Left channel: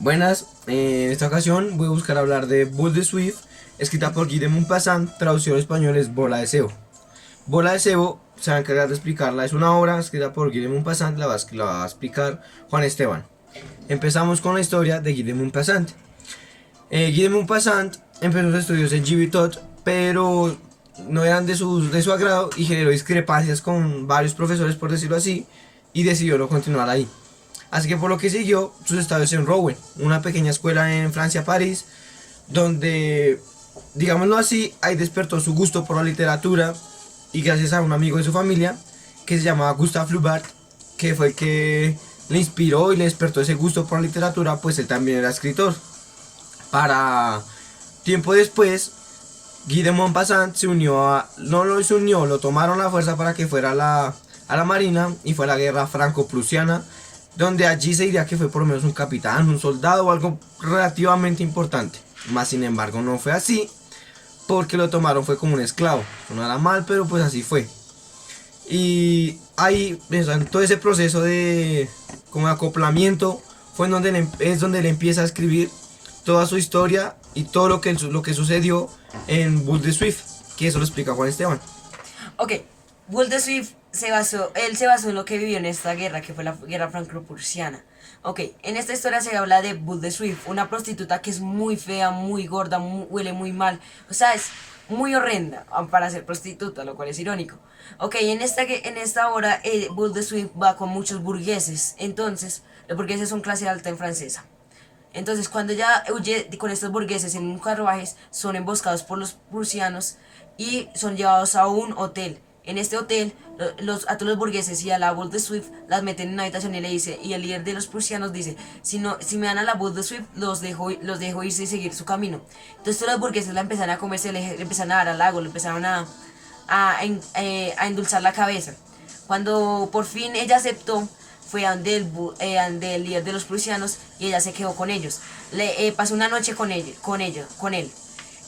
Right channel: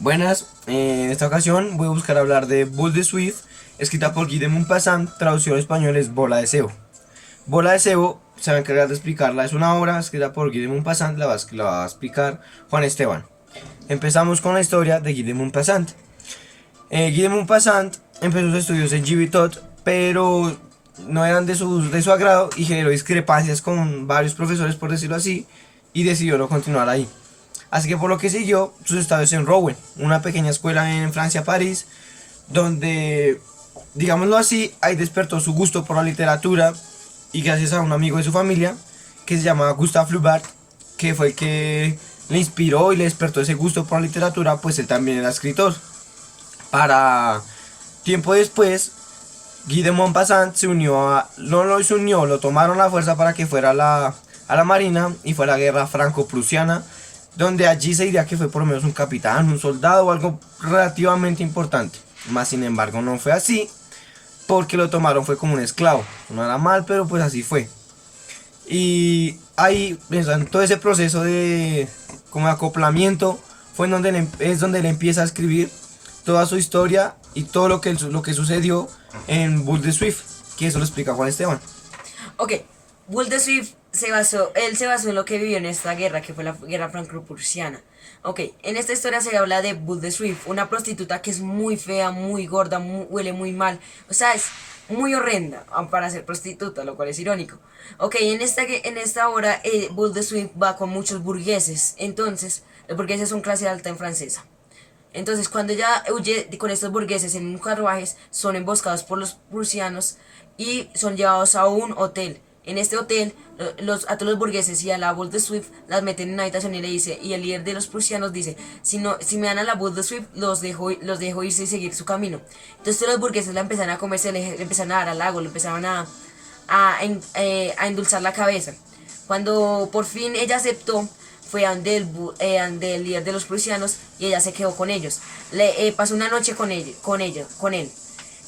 Buenas, en esta ocasión voy a buscar hablar de Boule de Suif, escrita por Guy de Maupassant, traducción al español es Bola de Cebo. Bola de Cebo se va a encargar de explicarla, es una obra escrita por Guy de Maupassant, la va a explicar Juan Esteban. Empezamos con la historia de Guy de Maupassant. Guy de Maupassant empezó sus estudios en Gibetot, pero no eran de su agrado y generó discrepancias con varios profesores, por decirlo así, y decidió no continuar ahí. Así que por lo que siguió sus estudios en Rouen, una pequeña escuela en Francia, París, donde, digámoslo así, ahí despertó su gusto por la literatura y gracias a un amigo de su familia que se llamaba Gustave Flaubert, que fue el que le inspiró y le despertó ese gusto por la literatura, pues él también era escritor. Para tiempo después, Guy de Maupassant lo tomaron a la fuerza para que fuera a la marina y fue a la guerra franco-prusiana, donde allí se diría que fue por lo menos un capitán, un soldado o algo relativamente importante. Más sin embargo no fue así, porque lo tomaron fue como un esclavo. No era mal, pero pues así fue. Y ahí, en todo ese proceso de como acoplamiento, fue en donde es donde él empieza a escribir toda su historia y todo lo que sucedió en Boule de Suif, que eso lo explica Juan Esteban. Ok, Boule de Suif él se basó en lo que vivió en esta guerra, que fue la guerra franco-prusiana. Ok, en esta historia se habla de Boule de Suif, una prostituta que es muy fea, muy gorda, huele muy mal, o sea, es muy horrenda para ser prostituta, lo cual es irónico. Ok, en esta hora Boule de Suif va con muchos burgueses, entonces, los burgueses son clase alta en francesa. Entonces, cuando ella huye con estos burgueses en un carruajes, son emboscados por los prusianos y son llevados a un hotel. En este hotel, a todos los burgueses y a la Boule de Suif las meten en una habitación y le dice, y el líder de los prusianos dice, si me dan a la Boule de Suif, los dejo irse y seguir su camino. Entonces todos los burgueses la empezaron a comerse, le empezaron a dar al agua, le empezaron a endulzar la cabeza. Cuando por fin ella aceptó, fue ante el líder de los prusianos y ella se quedó con ellos. Pasó una noche con él.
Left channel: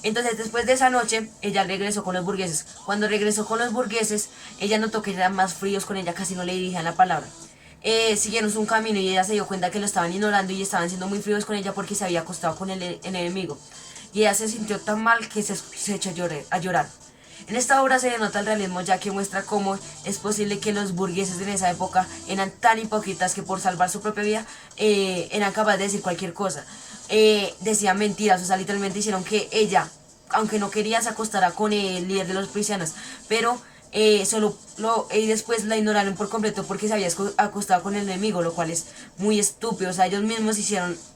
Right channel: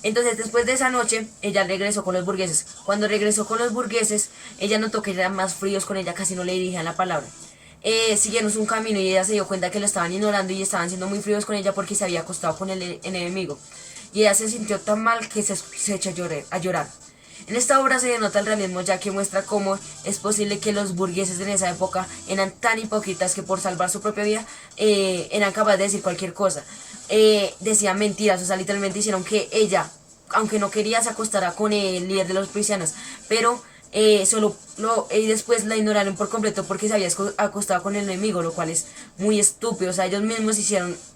Entonces después de esa noche ella regresó con los burgueses. Cuando regresó con los burgueses, ella notó que eran más fríos con ella, casi no le dirigían la palabra. Siguieron un camino y ella se dio cuenta que lo estaban ignorando y estaban siendo muy fríos con ella porque se había acostado con el enemigo. Y ella se sintió tan mal que se echó a llorar. En esta obra se denota el realismo, ya que muestra cómo es posible que los burgueses de esa época eran tan hipócritas que por salvar su propia vida eran capaces de decir cualquier cosa. Decían mentiras, o sea, literalmente hicieron que ella, aunque no quería, se acostara con el líder de los prusianos, pero y después la ignoraron por completo porque se había acostado con el enemigo, lo cual es muy estúpido. O sea, ellos mismos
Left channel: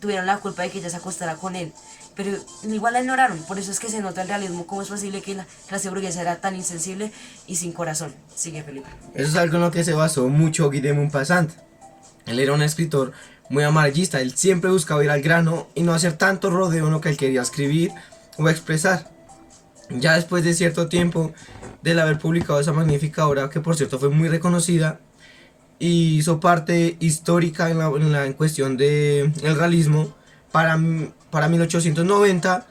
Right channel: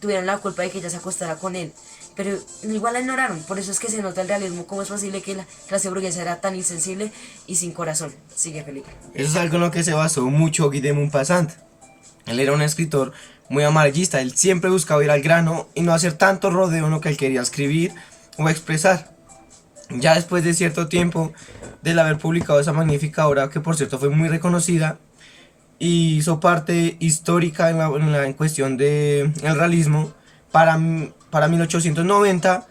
tuvieron la culpa de que ella se acostara con él, pero igual la ignoraron. Por eso es que se nota el realismo, cómo es posible que la clase burguesa era tan insensible y sin corazón. Sigue, Felipe. Eso es algo en lo que se basó mucho Guy de Maupassant. Él era un escritor muy amarillista, él siempre buscaba ir al grano y no hacer tanto rodeo en lo que él quería escribir o expresar. Ya después de cierto tiempo del haber publicado esa magnífica obra, que por cierto fue muy reconocida y hizo parte histórica en cuestión del realismo, para 1890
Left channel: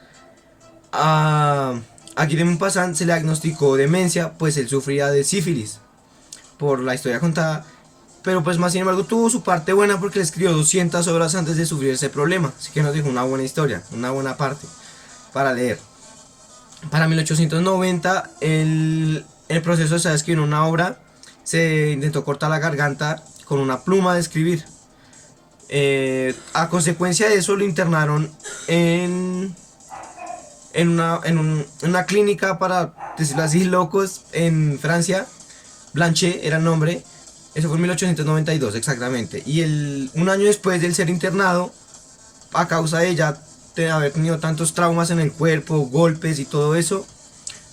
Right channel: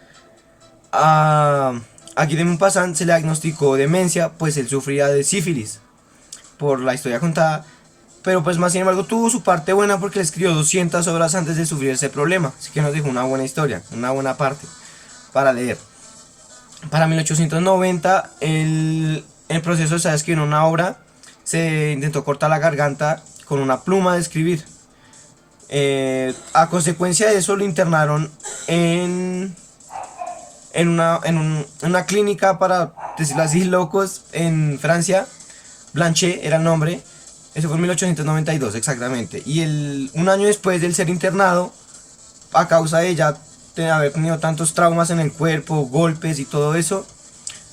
a Guy de Maupassant se le diagnosticó demencia, pues él sufría de sífilis por la historia contada, pero pues más sin embargo tuvo su parte buena porque le escribió 200 obras antes de sufrir ese problema, así que nos dejó una buena historia, una buena parte para leer. Para 1890 el proceso de escribir una obra, se intentó cortar la garganta con una pluma de escribir. A consecuencia de eso lo internaron en una clínica, para decirlo así, locos en Francia. Blanchet era el nombre. Eso fue en 1892 exactamente. Y un año después de él ser internado, a causa de ella haber tenido tantos traumas en el cuerpo, golpes y todo eso,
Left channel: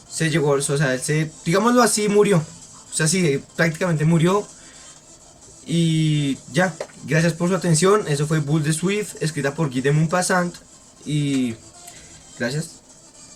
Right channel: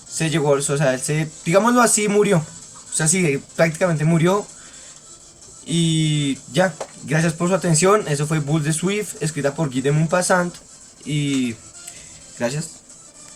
o sea, él digámoslo así, murió. O sea, sí, prácticamente murió. Y ya, gracias por su atención. Eso fue Boule de Suif, escrita por Guy de Maupassant. Y gracias.